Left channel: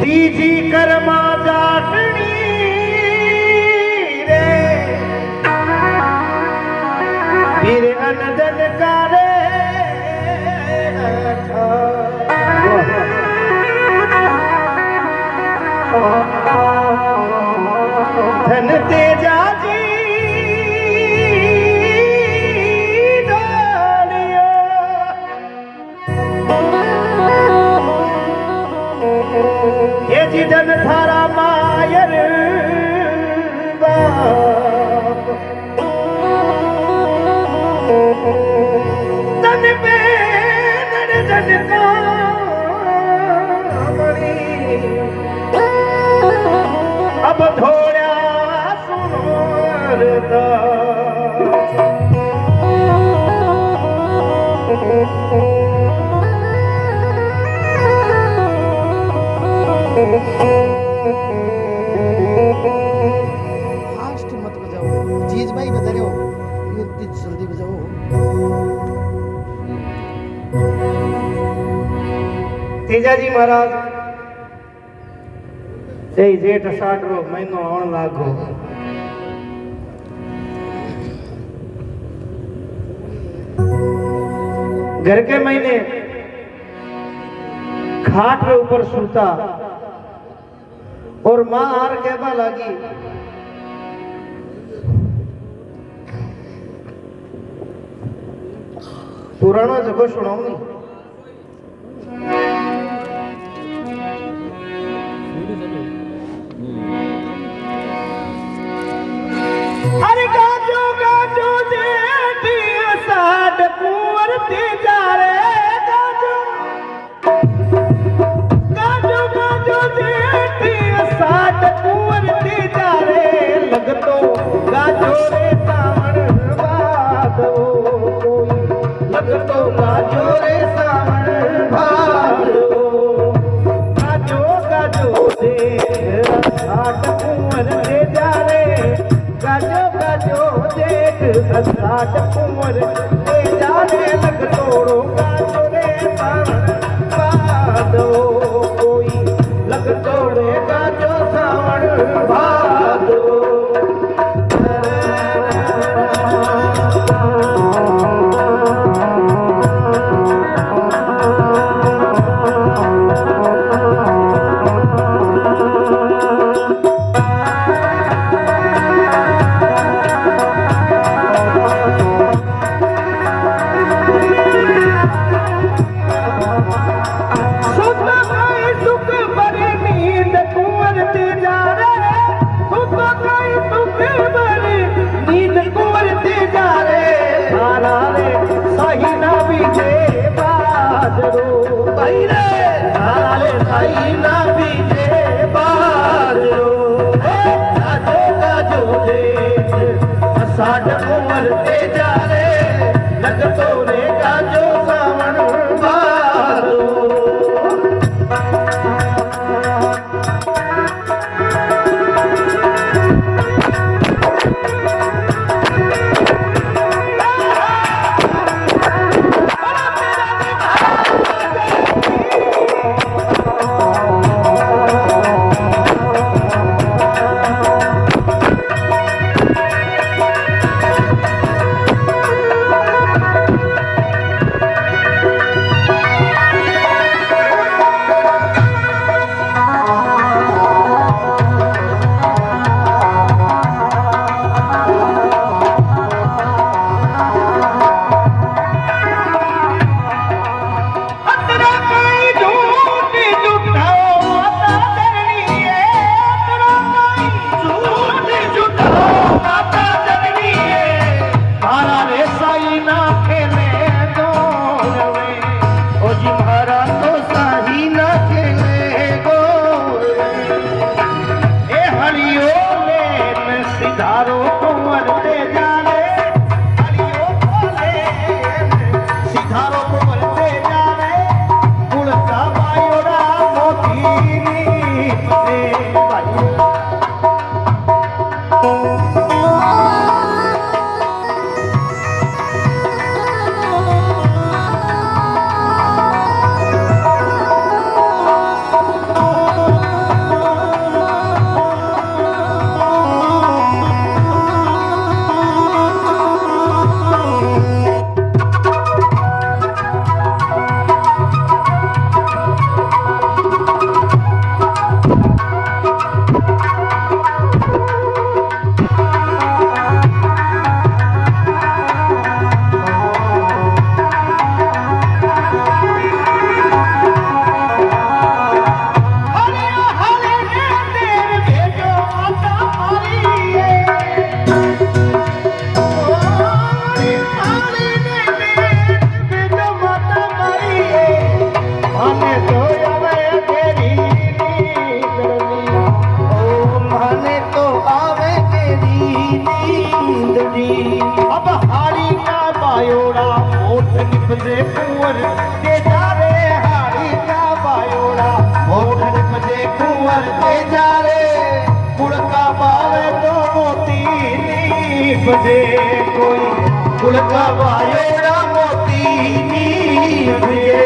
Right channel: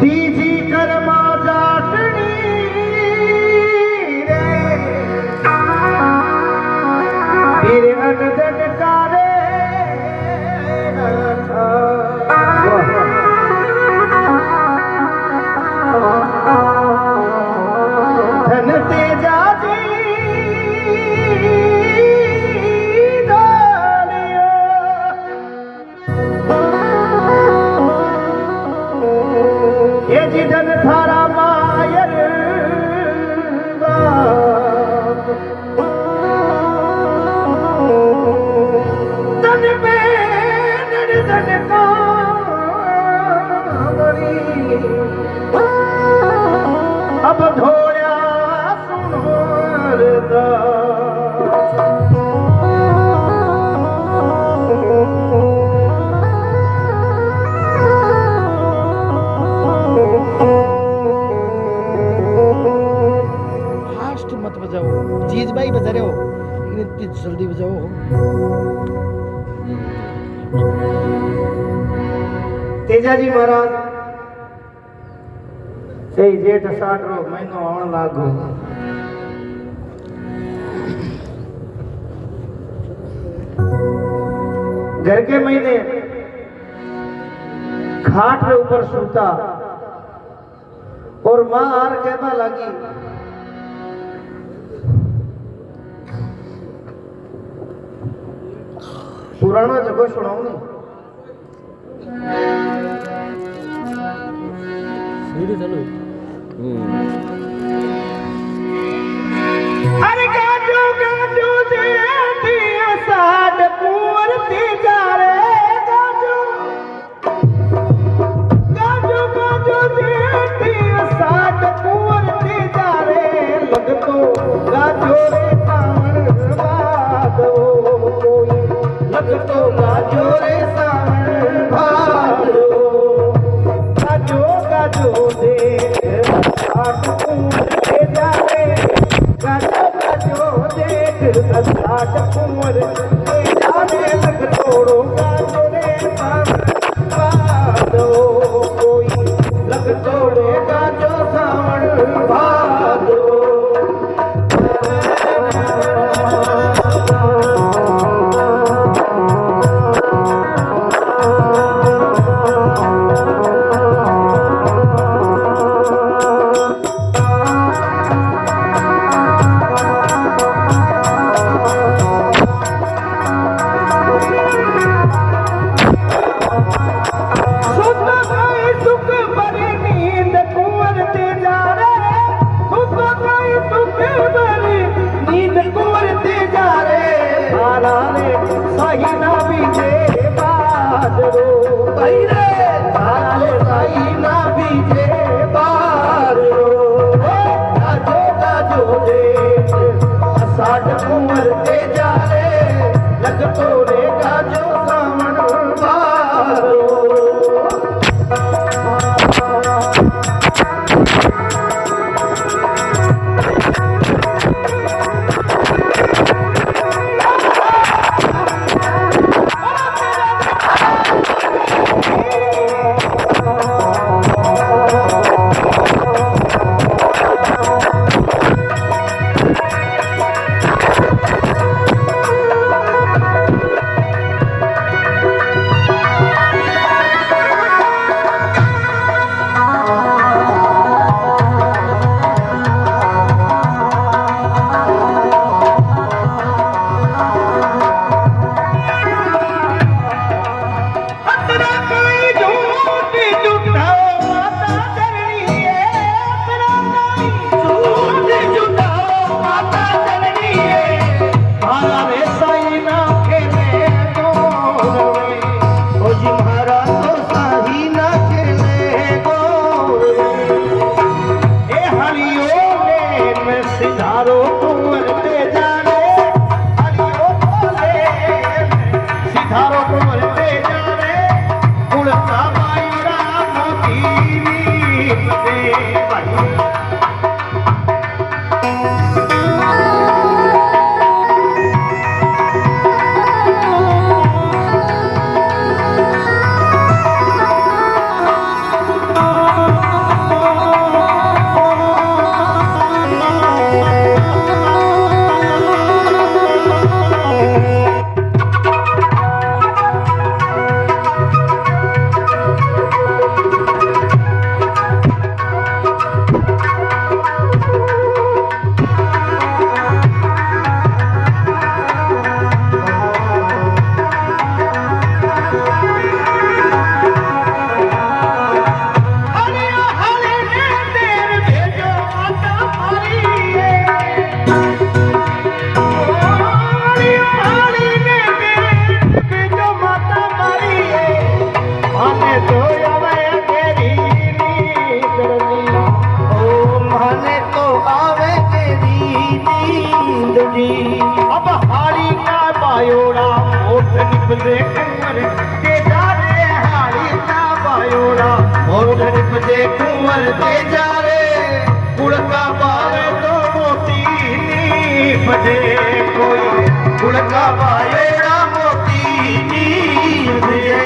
तीजी कर्मा जाटनी रे फिर अनदन करे धन तेजा जी ये जी धन थारा मायर बाप तन में नड़ धन कामणी अब धोड़ा सुनता फास्ट मत बजाओ, जीज भाई बजा रहे हो, इतनी जल्दी बजाओ। तेजाजी महाराज से जेठ साठरो महीनो आवन लागो घर के महीने खाट के ऊपर सूता और मां हार कहवा लगी पुराना जगह सुनाऊ नी अरे गाजो गाजो जेठी साड कुंवर तेजा रे गाजो गाजो गाजो जेठी साड कुंवर तेजा रे लगतो गाजो रे सामण बादो कोई लगतो गाजो रे सामण बादो गाजो गाजो दे साड कुंवर तेजा रे गाजो गाजो देख साड कुंवर तेजा रे लगतोड़ो गाजो रे सामण बादो कोई लगतोड़े गाजो सामण बादो साठ कुंवर तेजा रे लगतो रे गाजो सावण बादो निपजे कुंवर तेजा रे हाड़ी का बायोड़ा होठ निपजे कुंवर तेजा रे कुड़ का बावे तो मोती निपजे कोई कुड़ का बायोड़ा मोती निपजे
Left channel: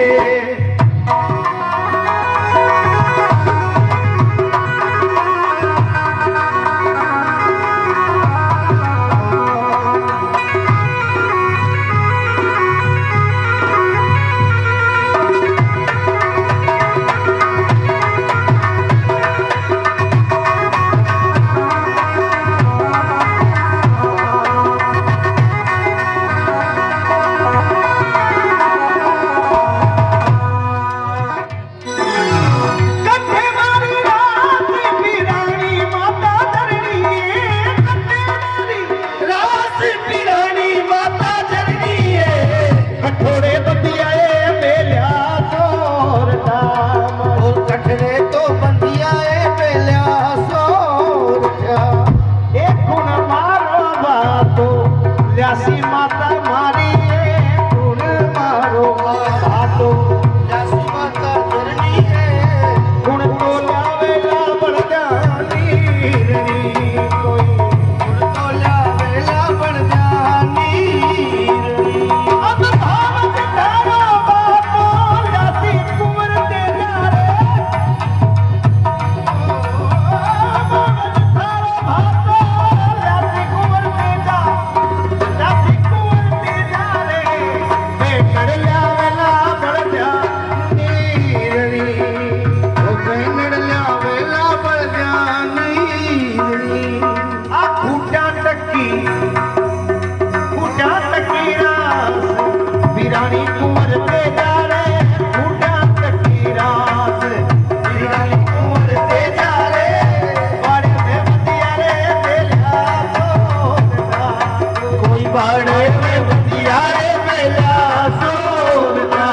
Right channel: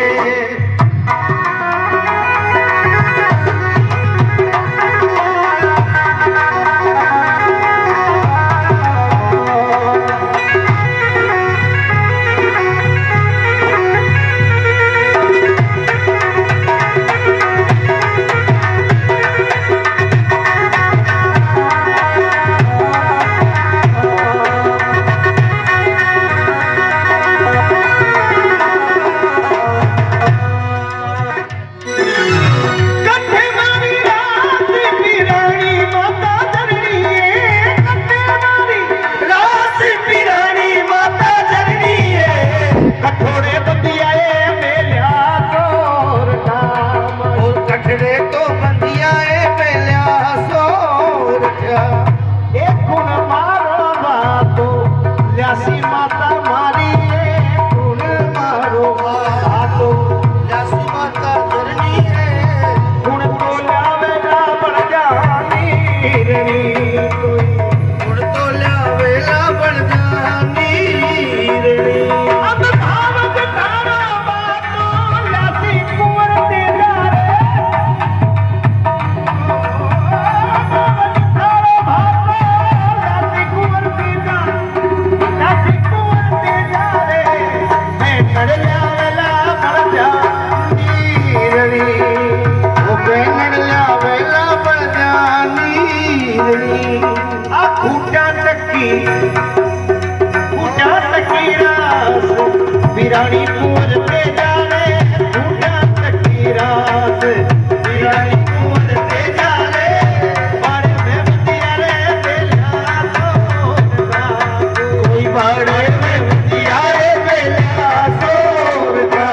बिरानी कुंवर तेजा रे बूढ़ा चक्की रात बिरानी कुंवर तेजा रे बाड़े में बंदिया रे बेला सोरगा कोई बाड़े में बंदिया रे बेला सोरगा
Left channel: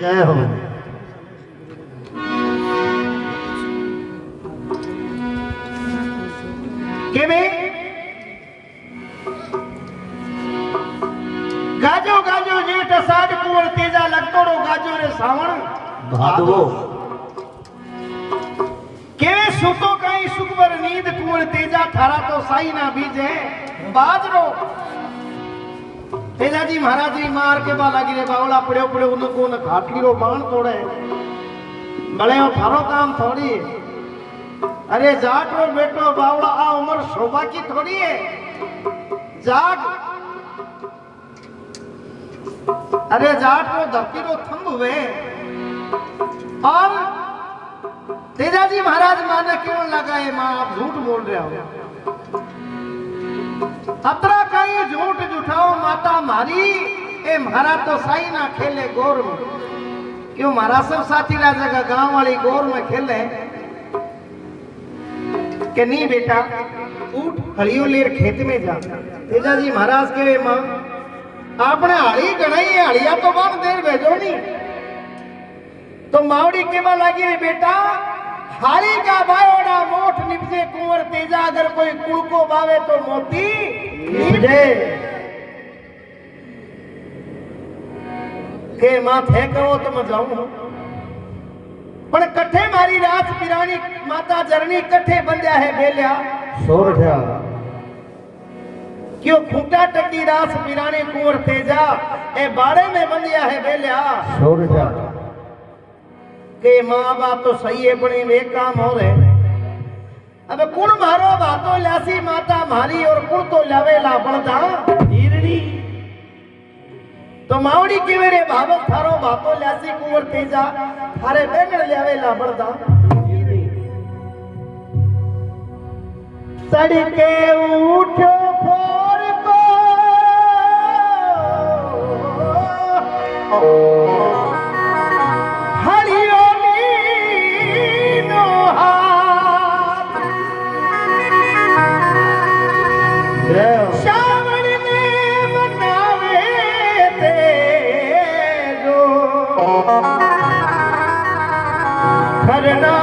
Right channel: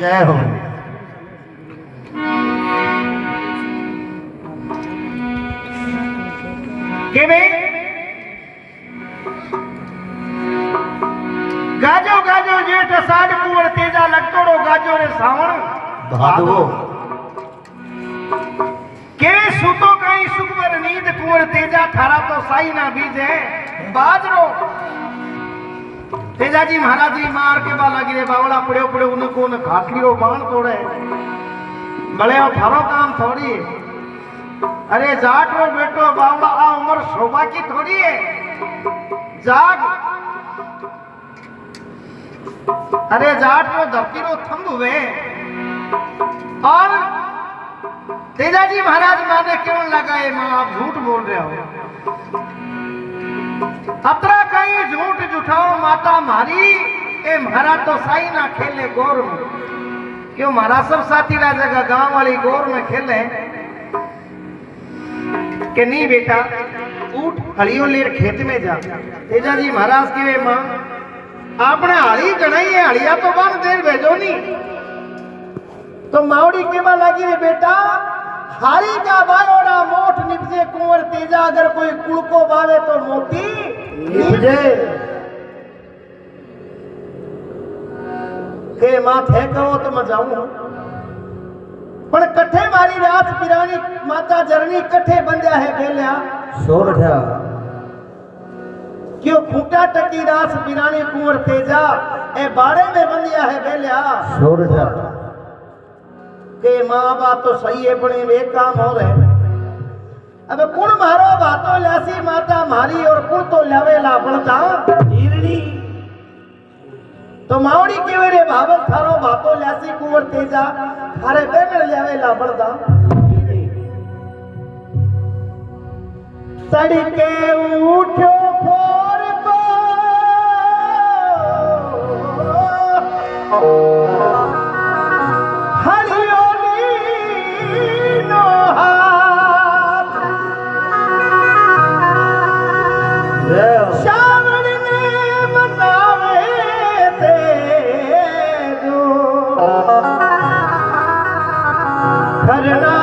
जय हो गाजो गाजो जेठ साड कुंवर तेजा लगतोड़ो गाजो रे सावण भादो केवे सुतो कई सुखवर नींद कुंवर तेजा थारा तो साई ना बीजे बाजरो तेजा जी महाराज जी मार के बा लागी रे बावला पड़ो पड़ो उनको न खाटली रो बाण तोड़े भले हो थारो काम थोड़ी है अरे जाट रो बेटो बावला आ उम्र शोभा की थोड़ी है जाग अरे जाट रो धरती रो थंब हुए और तेजा जी महाराज माने क्यों लगाए मैं आप झूठ बोल रहे हो अतरा कहीं झूठ जुठाओ माता मारी ए महारा तो साई ना खेले गोर में क्यों महाराज सब साथी ला जगह गांव वाली गोर में खेले के नहीं बेटा उठ हलियो लेर खेत में जा तेजा जी महाराज के मां आपने हली गणाई है हलिया तो बन देर भेजो नहीं तो मावड़ी के मां लगी रे बेटा हारी का बायोड़ा मोठ निपजे कुंवर तेजा अगर कोई कुल को बावे तो मोती निपजे के माथे कहो तो मैं जाऊं पण कठे मारी रात पिरानी माता जरनी कठे बंध्या है बेल्या सोरठा क्यों खूंटा टकी रास पिरानी कुंवर तेजा ए बाड़े में बंदिया है बेलिया छोड़ जा के माँ बाप तो सही है बड़ी वे काम हो रहे अब कुण मारो बातो लासी माता मारी और कुण तो लावेला बनता हीरणी तो मावड़ी के रे भावल थारो बातो लासी कुंवर तेजा थारे बेगड़ लावेला बनता सड़के उठो फोर को हरियोनी नो हाथ श्रावण ने मनावे तेरो खरना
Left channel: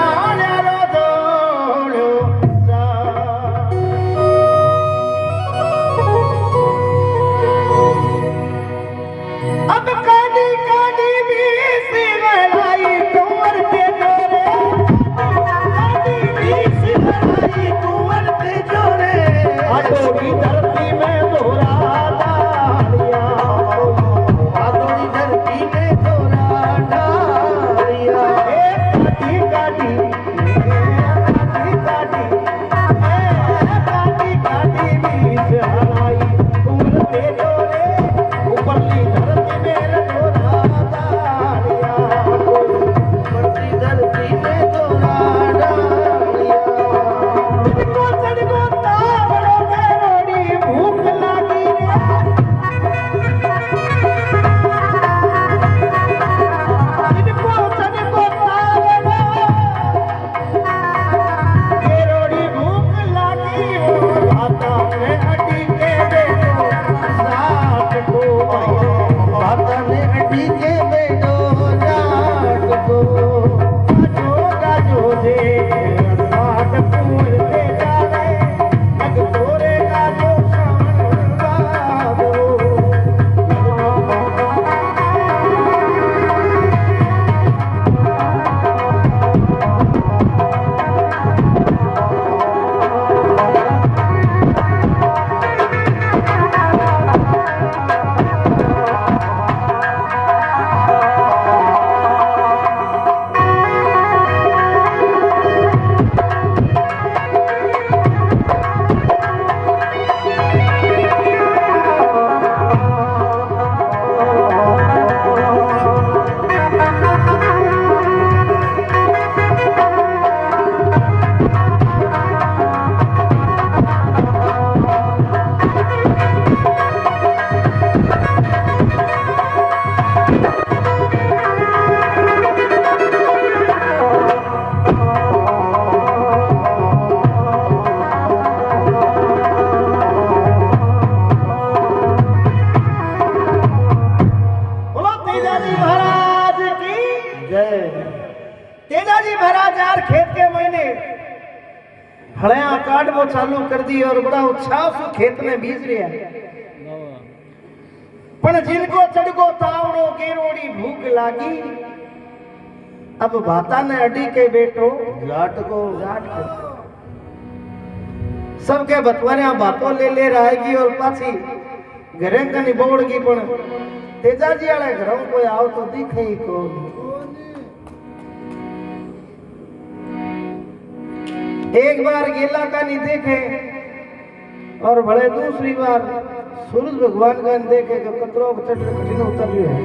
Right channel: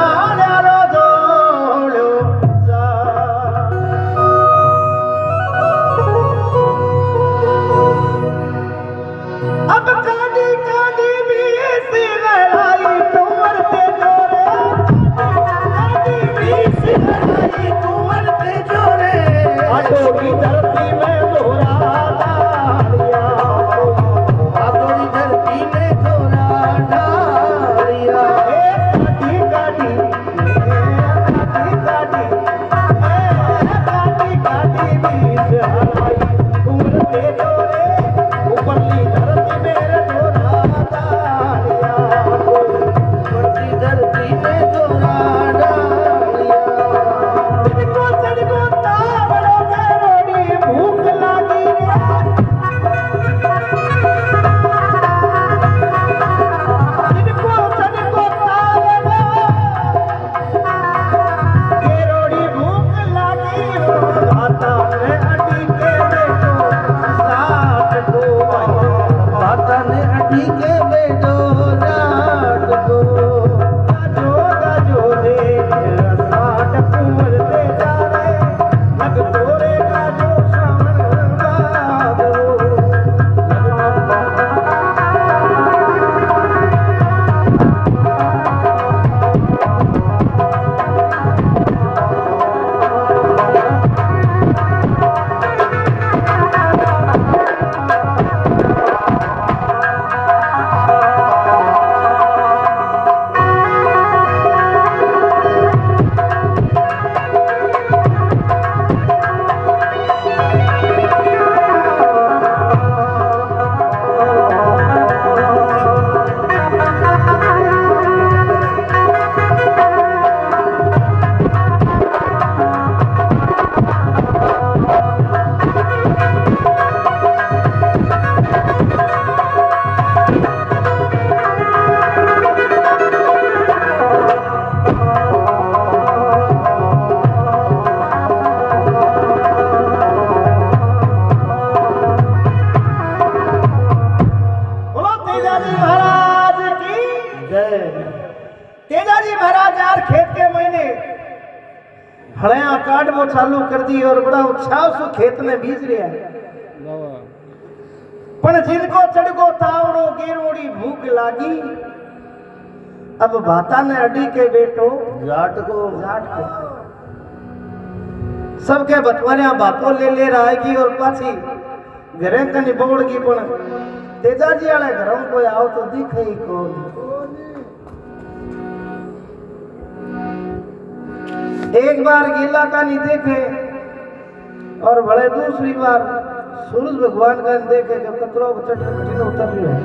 तेजाजी महाराज यार खेत के महीने हड़िया काटबो चालू कर दी और बड़ा उत्साह से खेत में बीज रहा पण जिनको चढ़गो तावड़ो गेरोड़ी भूख लागी अब भाता ने अडी के बेटो जाट को सबके बतवारिया बातों ले आएगी और पाछी घरे कनी बोड़गी पण तेजाजी वाले घरों कोई आओ तो दिखे ही कौन एक बार गेला का नहीं देखे और भले दूसरी बार सूरज भगवान का देखे कि कतरो कठिन उतर है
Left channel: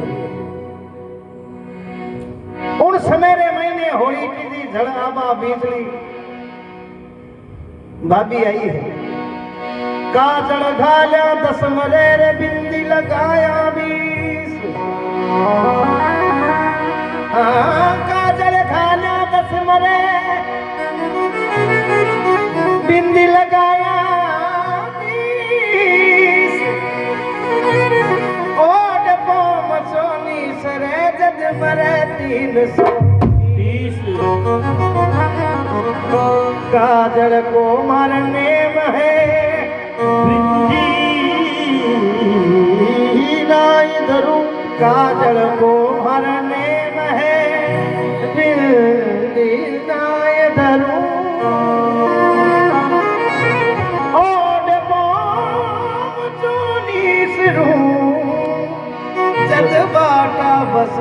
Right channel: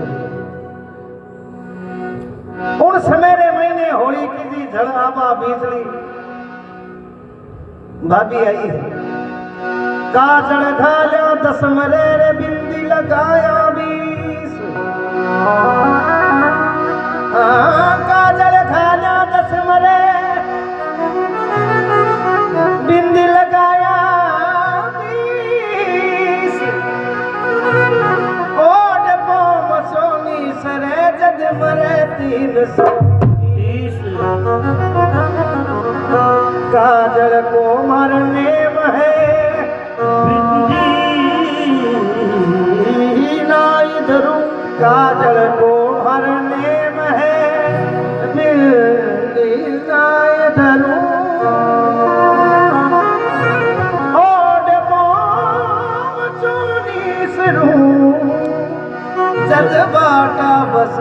उन समय रे महीने होली की झड़ आबा बीजली भाभी आई है काजल घाल्या 10 मरे रे बिंदी लगाया 20 काजल घाल्या 10 मरे बिंदी लगाया 20 ओड पोम सोनी सरे जद मरे 330 काजल को मरने में काजल को हरने में दिल नाय धरूं ओड पोम सद बाटा बस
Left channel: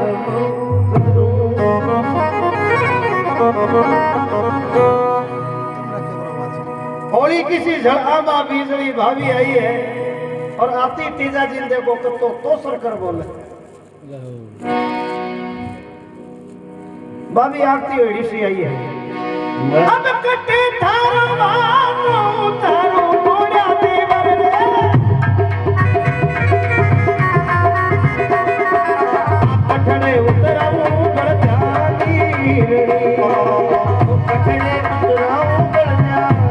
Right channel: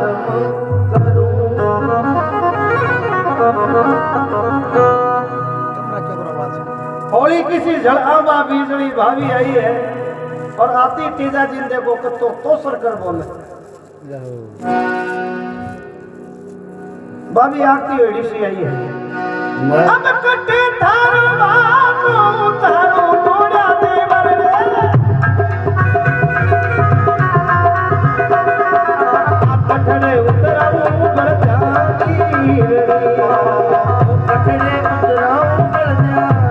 कमरा क्या आवाज होली किसी झड़ामा बीजड़ी भाभी आई है और आती तेजा जी देखो कतो तो सरकर बोले भाभी आती हुई सी आई है अब कटे थारो बातो तारो मोड़ा देवर रे पठने उतराऊ बड़ जानी रे पठने उतराऊ बड़ जानी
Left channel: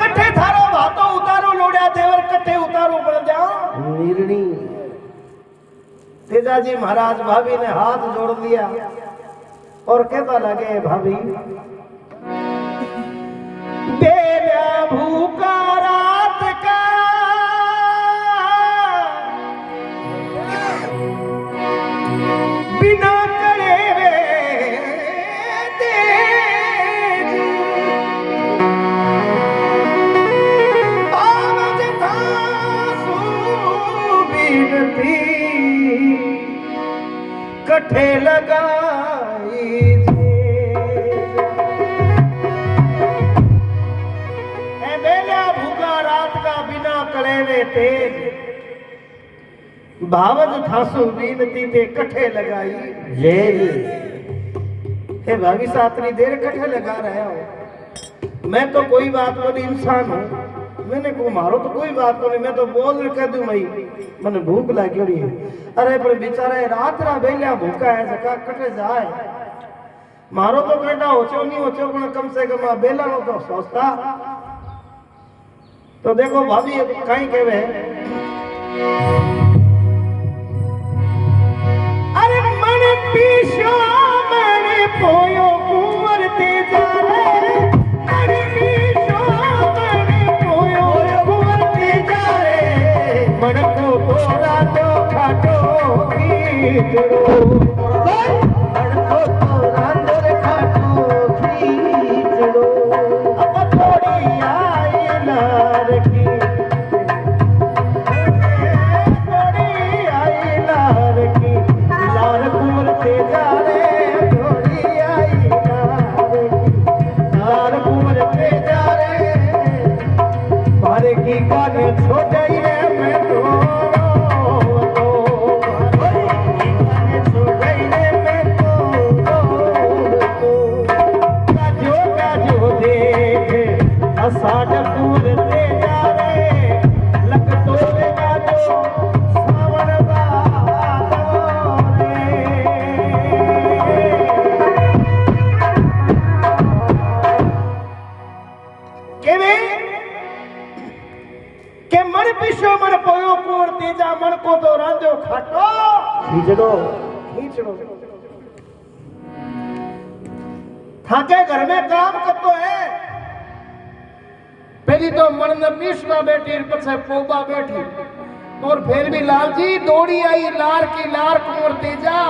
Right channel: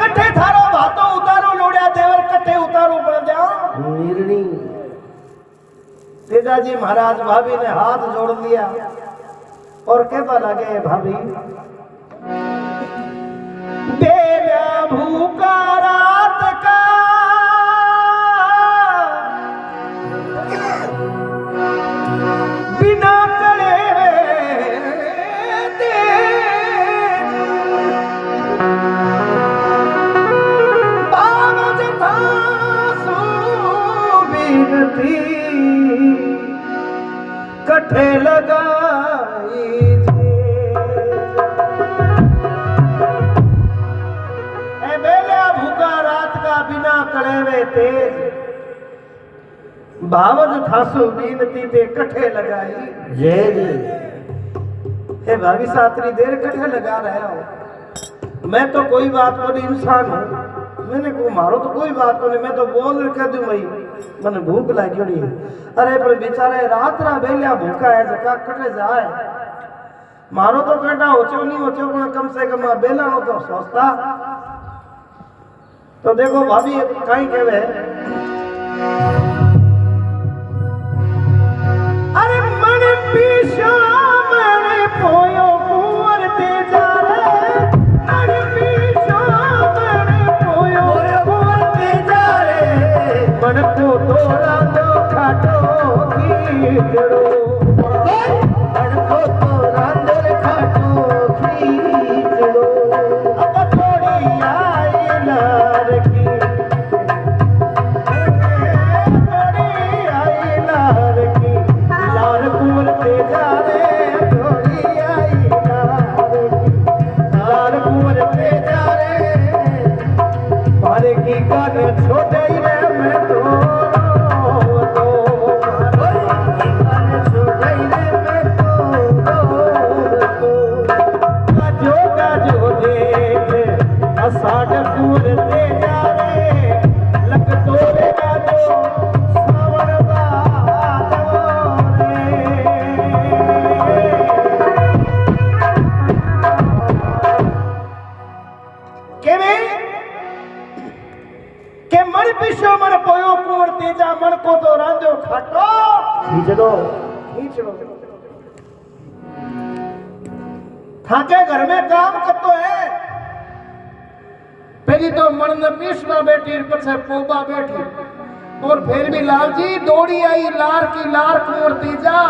कटे थारो बातो तारो मोड़ा देवर कटे थारो तेजा जी महाराज भाभी ने हाथ जोड़ लिया और कहता लगे भाभी बेला भूखा रात का बिना करे बावज था सुबीनती कठे लगाई बेला भूखा रात का बिना कड़ेवे तेज भावज थासु बीनती ते कठे लगाई ये हे भाभी सातरी देर कठे लगा रहे हो मैं तो कोई बात को नहीं इंसान हूँ मैंने को मारो तो कोई बात को नहीं मैं तो बोल कर दूं भाई मैंने भूख लगी हुई है अरे पर बेचारा रात रा बेलिया भूखा है जका कटे जाए मारो तो कटा होचो नहीं होचो पण कम से कम आ बेला नो तो सोचता तो देखो भाभी कहीं कहवे अरे मन पीछो मन पोयो कुंवर तेजा रे मन पीछो मन पोयो कुंवर तेजा रे मन को तोड़ा तो खाटो खींचड़ो मन को तोड़ा तो खाटो खींचड़ो अब थोड़ी आई नार की थोड़ी आई नार की लाल कुंवर तेजा रे थोड़ी आई नार की लाल कुंवर तेजा रे मारे की गान छोड़े रे मैं तो थाके घर में काम करतो है पहली तो मन में पीसवा बैठी पछे पोबा बैठी और फिर भी लाल जी दौड़ी आई लार की लार कुंवर तेजा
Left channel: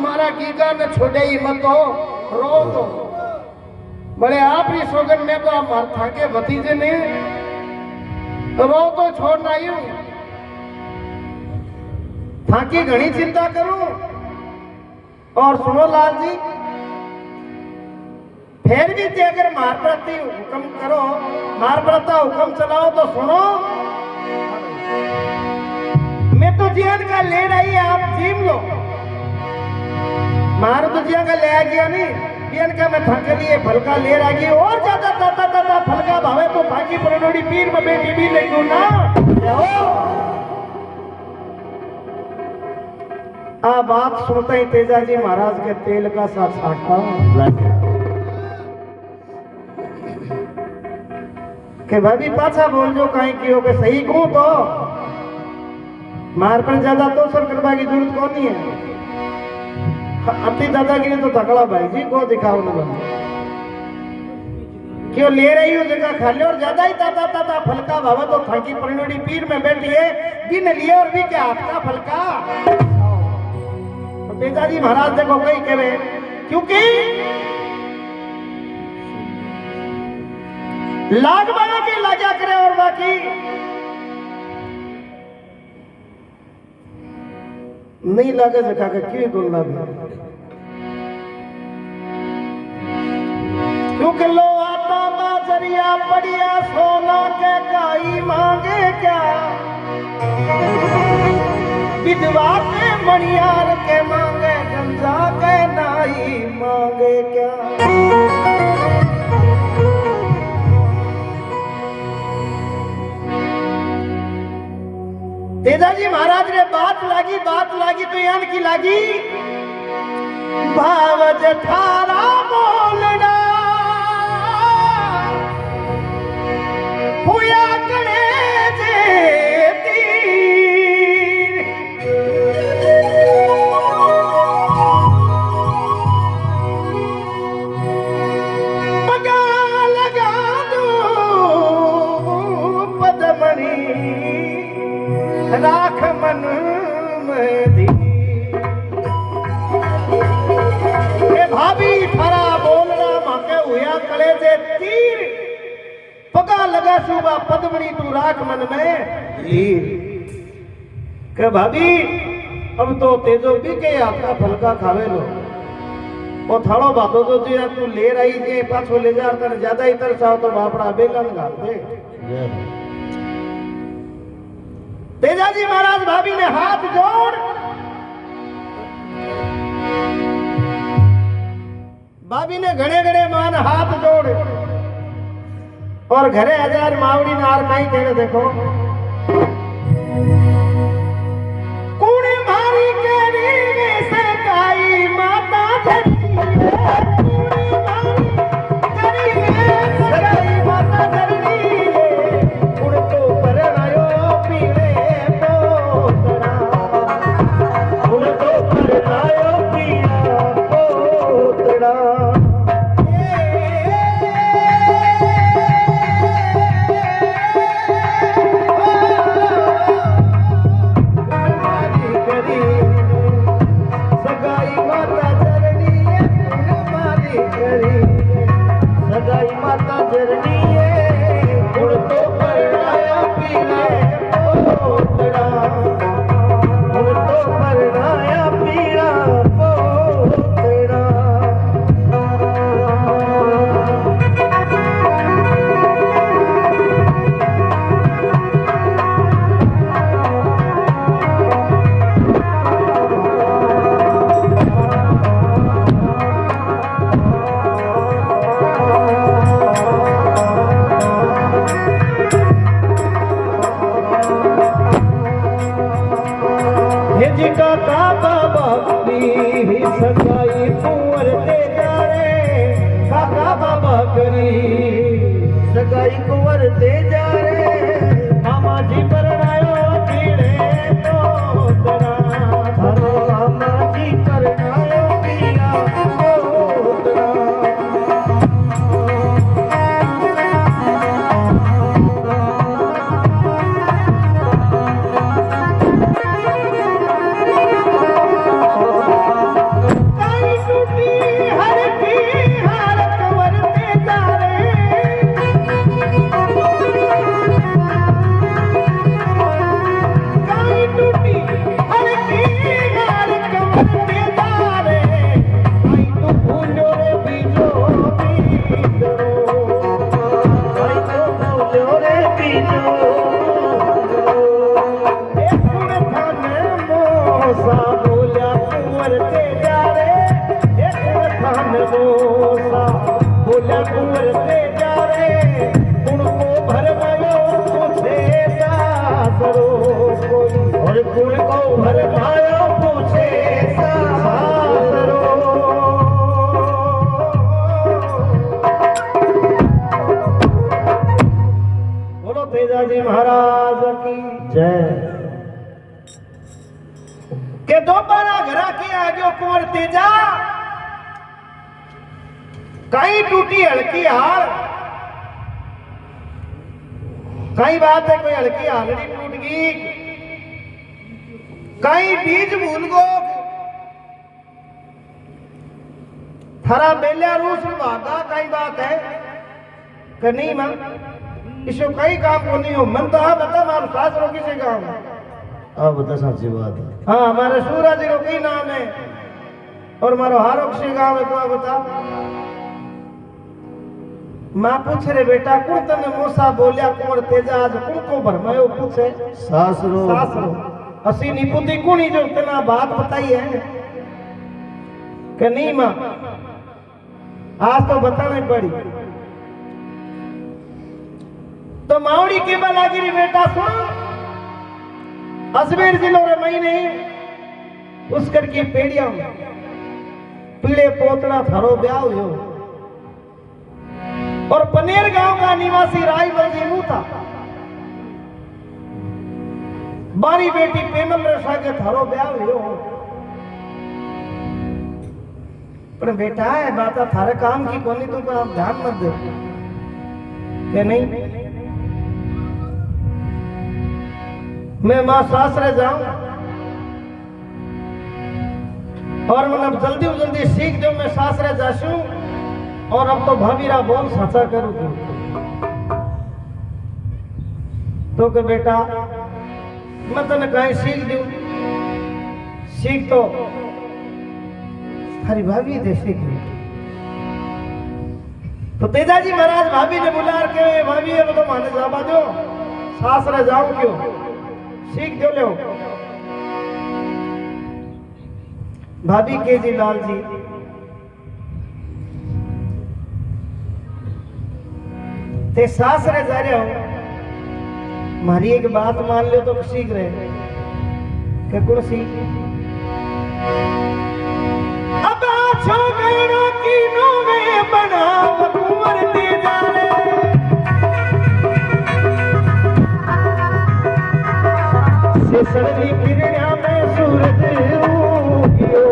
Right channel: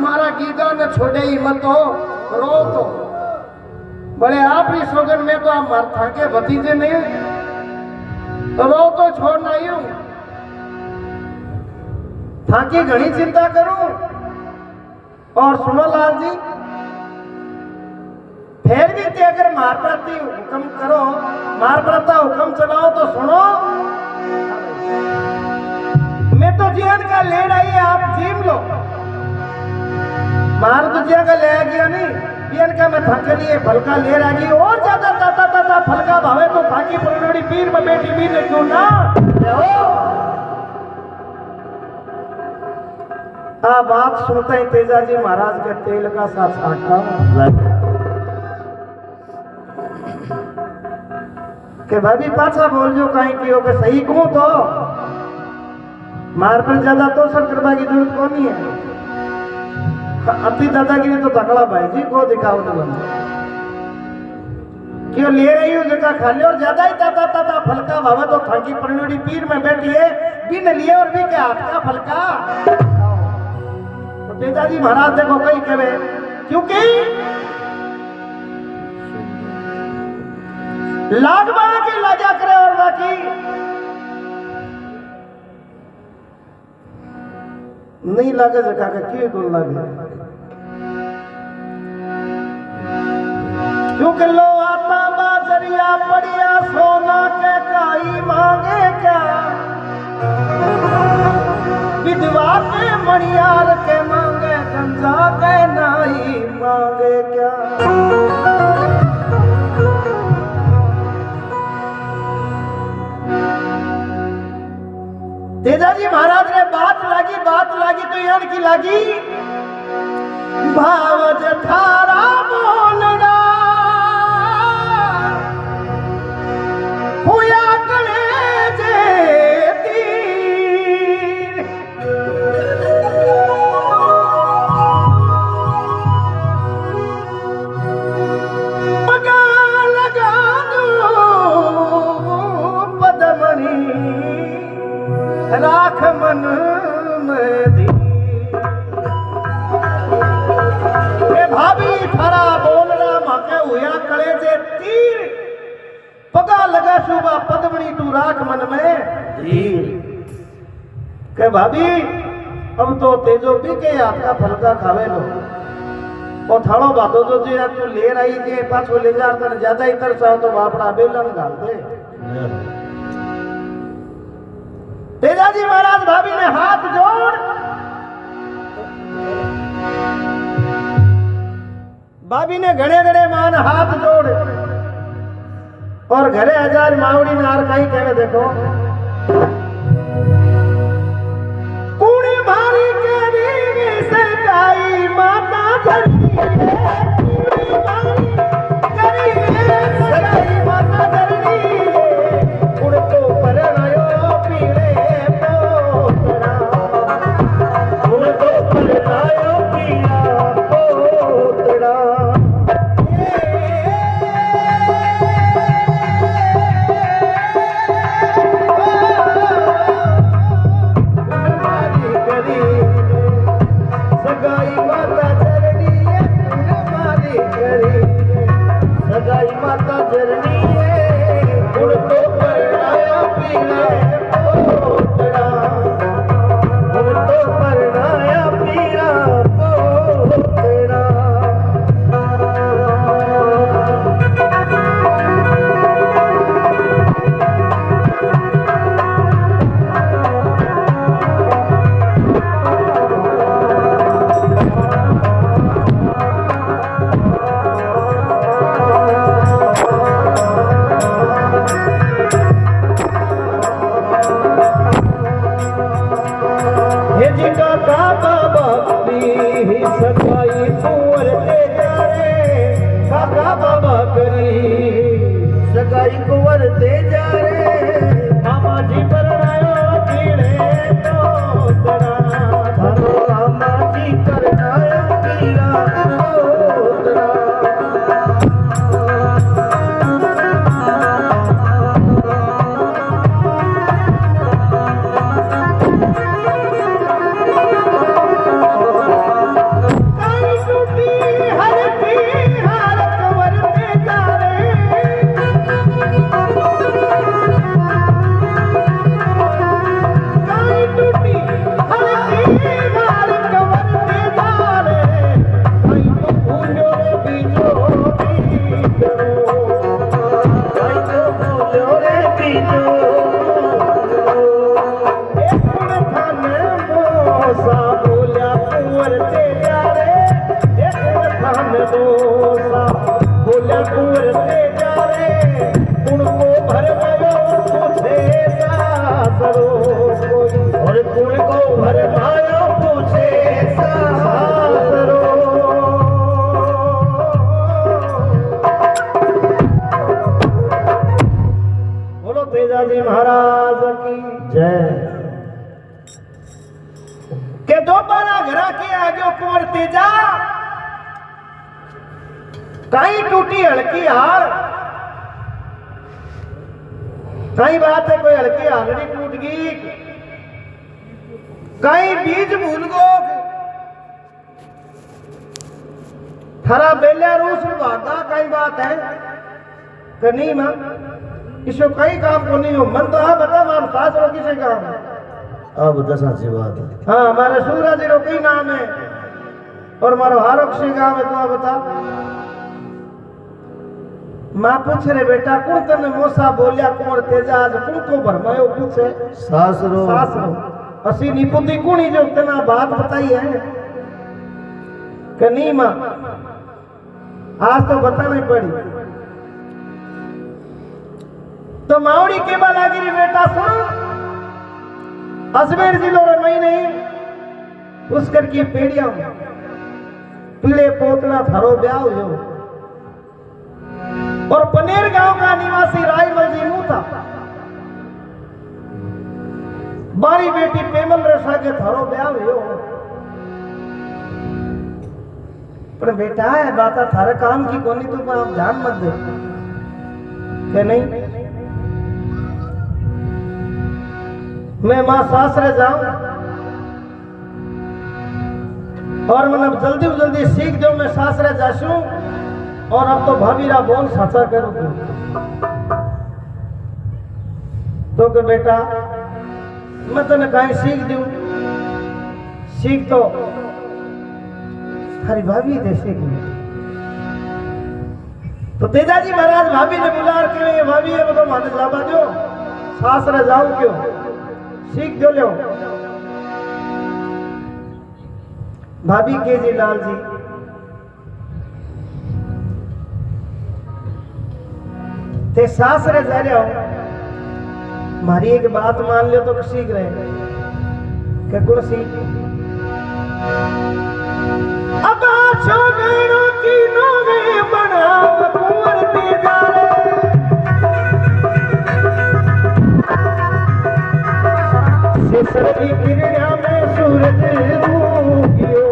मारा गीगा न छोड़े ही मतो रो तो बड़े आप ही सोगन में तो आप मार थाके भतीजे में रो तो छोड़ना ही हूं थाकी घनी चिंता करूं और सुनो लाल जी फिर भी ते अगर मार प्रति हुक्म करो मार प्रता हुक्म चलाओ तो सुनो मैं तो जियन का ले रही आप जीम लो मार तो जिया का ले आ गया नहीं बेन का मैं थक लिए फलका ले रही और ज्यादा ताता ताता फलका भावे तो थाकी परनोड़ी पीर में बेटी भी नहीं क्यों ना आ बात सुनता ही तेजा जी महाराज के तेल का साथ साटता के भाभी पाछा बोल जो कहीं की हो के सही कहूं तो मार पर ज्यादा तो सर करवा की जरूरत कौन नहीं है अपनी दादागिरी तो तकड़ा भाई जी को दिखाओ न बना क्यों ले रही हूँ जगह खा ले और ज्यादा ही ताता ताता फलका भावे तो थाकी परनोड़ी पीर में बैठी है बिन लिए और भी क्या हाथ का फलका तो पिताजी महाराज देखो कहीं कहे क्योंकि लाग बाड़ा के लाजा करे और बाकी नहीं लागे जगह का क्यों गुण लागे क्योंकि लो आता बाजरिया पड़िया सोना के काई मांगे क्या विधवा के मणियार के मांगे गंजा के नाई मांगे क्या तेजाजी महाराज ने बात लागी तो याद की लागी भाव जठारा बोलना हुआ कले जेती पगा लगा दो पदमणि राख मन में दी भाभी थारा बोलना माके हुआ कले से तीर पगा लगा सुबह पद्मणी तू राख मन में धीर के भाभी अब तो तेजो भी के हाथ का फलका खावे लो और थाड़ो बातो जो जे तू ले रही जे पाछो ले जा तने ज्यादा ही तरसाओ तो बापड़ा बेलन गाल दे तेजाजी महाराज भाभी ने हाथ जोड़ भाभी ने घड़े घड़े मान हाथ जोड़ और घरे हजार मावड़ी नार कहीं कहे देखो कुड़ी मारी केरी से काई माता धरती कुड़ी मारी करी से काई माता धरती उड़ तो परणायो पीड़े पोतरा उड़ तो परणायो पीड़ा पोतरा भरोसा बोला कुंवर से जावे उनको भरमायो पूछे सासरो और कुंवर को भरमायो पूछे सासरो। बोलो तेजाजी महाराज की जय। के दोबारा घरा के आजो कुंवर तेजा कहीं टूटी हल्की हाल, कई बात है कोई हल्की हालड़ी टूट गई, कहीं बीज भूल गो, थारा बेला रूस भागा, कई बात है कि नहीं मां इसो कई काम को नहीं हो मन तो हाँ बता मां सास रो किसे काम है अब बता साची बात है। हाँ हमारा सूरज रो कई नाम है और मारो हारो किसे काम है तो आप बता। मां पूछ रे बेटा कौन तने मोसा बोलिया कुंवर तेजा आज कुण को भरमायो पूछे सासरो सासरो असी निपुति कुणी जो तना बात बताई है कि नहीं मां आज तो बतानी पड़ी। तो मावड़ी के बा लागी रे बेटा सुनो अजमेर जिलो रे महीने पुष्कर की पेड़िया पीले पोतड़ा थारो ब्याह हुयो और पनेर गांव का निवासी रायमल जी मुंह था बारी बेटी पेमल रेशा के थारो ब्याह हुयो पर बेटा है बात थारे काम की कोनी तो पर आप ध्यान मत दे कि नहीं मैं मां सासरे जाऊं और मैं अब जल्दी सीख जाऊं मैं सासरे जासूं और अब तो भाभीरा बोल साचा करूं तो के बेटा मैं तने कहीं सीख दूं सीख तो हरी भाभी दे सीख तो तेजाजी महाराज भाभी ने बुला के भाभी अब तो माने जाबा दो सासरे जाऊं क्यों सीख जो लो भाभी के जी लाल जी ते सासरे जा रहे हो मारी एक बात मान लो तो सीख रहे क्या कौन सी अब छोकरों की नोवे बना कुंवर तेजा सिसरी किरणा में सूरज उगियो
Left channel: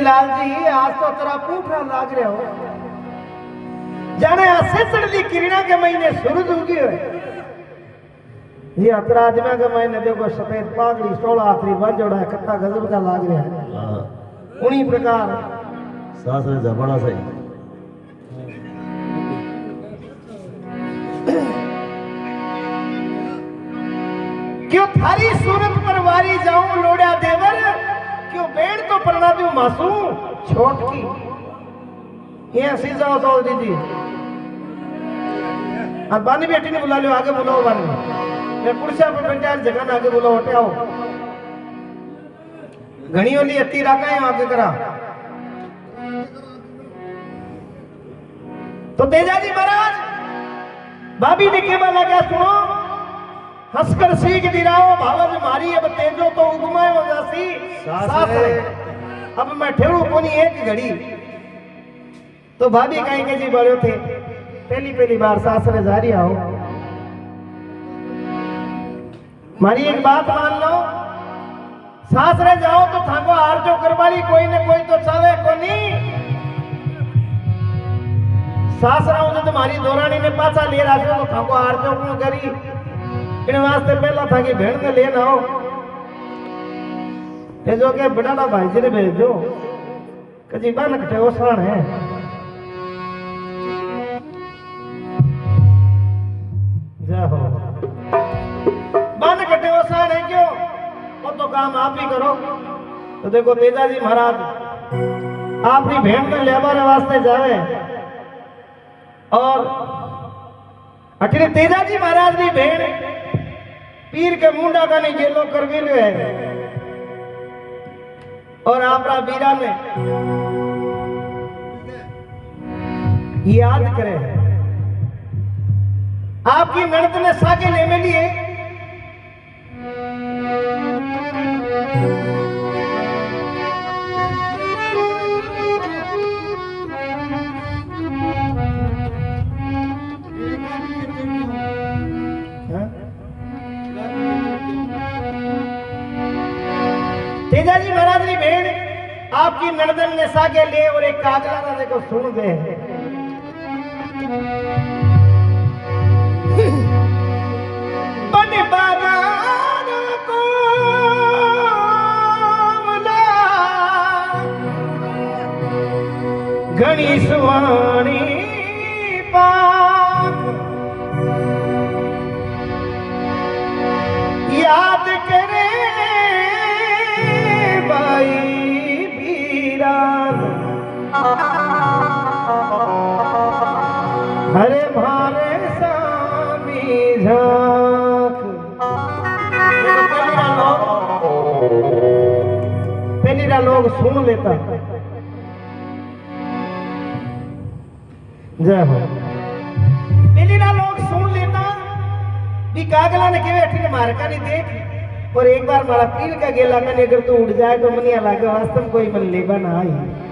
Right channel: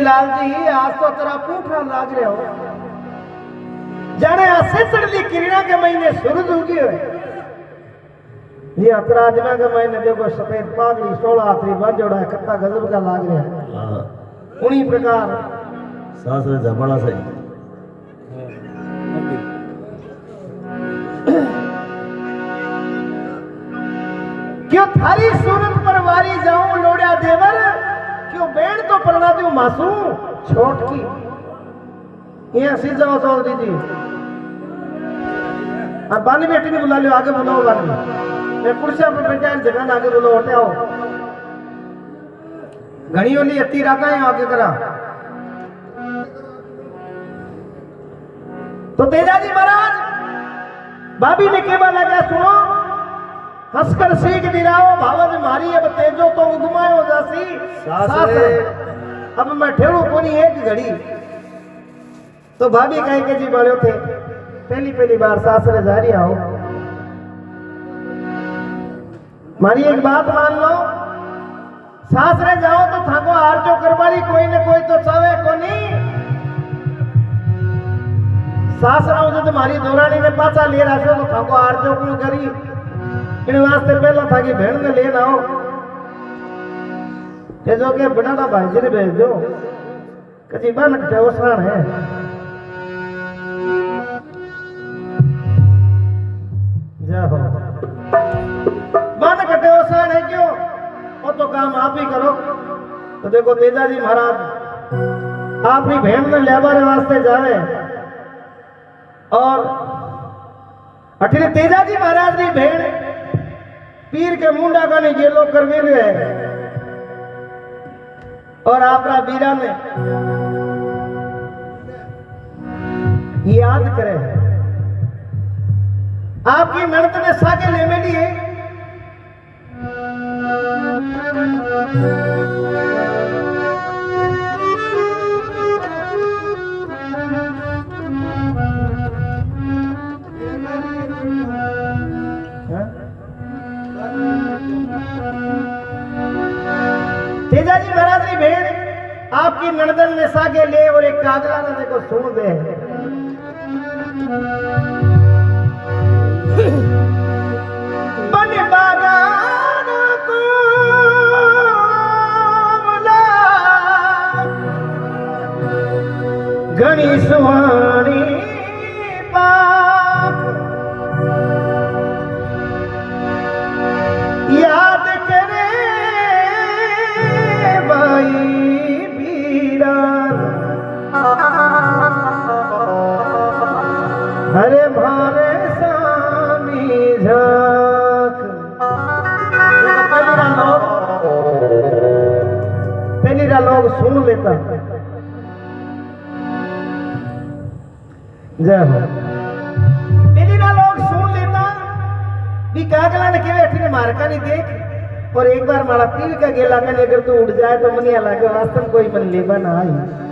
लाल जी आज तो तेरा पूठा लाग रहे हो जाने सेसड़ी किरणा के महीने सूरज उगी है ये अतराजना के महीने देखो सफेद पागड़ी 16 हाथरी बांजोड़ा कितना गजब का लाग रहा है उन्हीं प्रकार सासरे जमाना सही क्यों थारी सूरत पर वारी जाऊं लोड़ा देवर क्यों बेड़ तो परना दूं मासूम छोट की यहाँ सीधा हो तो दीदी अब बानी बेटी ने बुला लियो आगे बुलाओ बानी मैं पुरुषा पर बेटा जगह आगे बुलाओ हटे आओ घनी वाली अति रखा है आगे करा तो तेजाजी महाराज भाभी ने केवा लगा सुनो हंसकर सीख दिराओ भावज मारी अब तेजो तो उगमायो जासी सासरे अब मैं ठेरू कोनी एक घड़ी तो भाभी कहीं के जी बड़े थे पहली पहली बार सासरे जा रही हो मारी एक बात मान लो सासरे जाओ तो थाको आरजो करवाली कोई ने कोई तो चावे कोनी सासरा हो जो तुम्हारी दोरानी ने पाचा ले राखो तो थाको आरजो क्यों करी इन वास्ते पहला था कि भेड़ में लेना हो ये जो के बिना भाई जी ने भेज दो कजी बन कटे उसरण है जाओ बन कटे उसरण है क्यों वो तो काम आप ही करो तो देखो तेजा जी महाराज आपनी भेड़ में लेबारे वास्ते जावे और अठने तेजा जी महाराज की भेड़ पीर के मुंडा का ने गेलो करवे है और आपरा बीरा ने याद करे आपकी ननद ने साके ले में लिए तेजा जी महाराज की भेड़ आपकी ननदन ने सागे ले और एक कागला ने देखो सुन दे बने बागाना को घनी सुहानी पाक याद करे भाई हरे भारे सामी झांक पहली लोग सुन लेता पहली लोग सुन लेता भी कागला ने केवे अठने मारका नहीं देख और एक बार मारा पीर का गेला मैंने अगर तू उड़ जाए तो मनिया लागे वास्तव कोई मन लेबा ना आई